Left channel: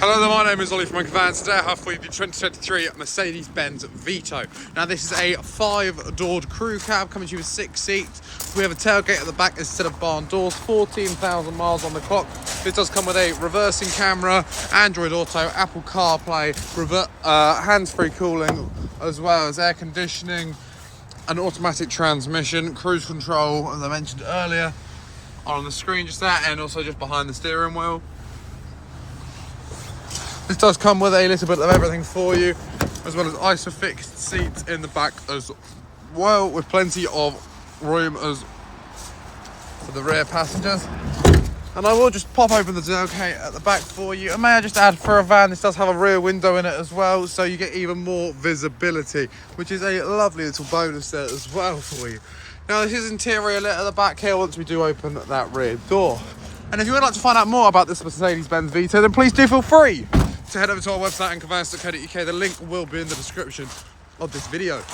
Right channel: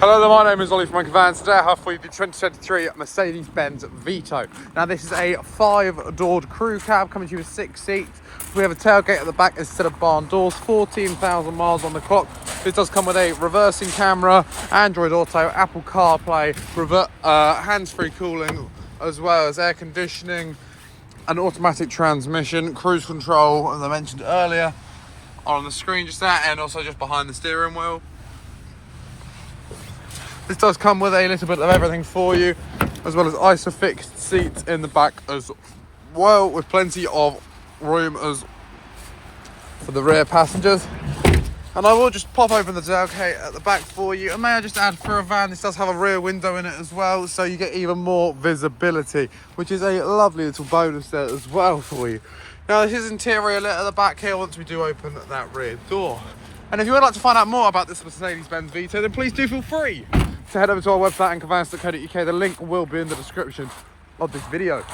Hello there, my name is Ollie from Vans. Today I have for you the 2023 Mercedes-Benz Vito. Now this is a 5-doored crew cab coming to you with 6 seats. We have a tailgate at the back instead of barn doors, 14,000 miles on the clock. This does come with a reversing camera, Android Auto, Apple CarPlay, hands-free cooling, as well as air conditioning, an automatic transmission, cruise control, as I mentioned earlier, on the screen just there, and also just behind the steering wheel. This does come with a little bit of everything for you, as well as ISOFIX seats in the back as well, with plenty of room as for the rear passengers. And I will just pop open the tailgate at the back for you. And may I just add, for a van, this does have a rear window in it as well, so you get even more visibility, which is a lovely little bonus there as well for you. Now this is interior lit at the back here once we do open that rear door. And if you would like to find out more about this Mercedes-Benz Vito, then please do feel free to head over to our website, unbeatable.co.uk. The link will be in the description of this video.